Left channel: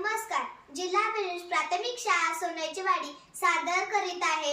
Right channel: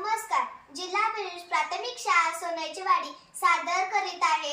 नमस्कार. जिल्हा प्राथमिक शाळा सोन्याची वाडी सादर करीत आहे.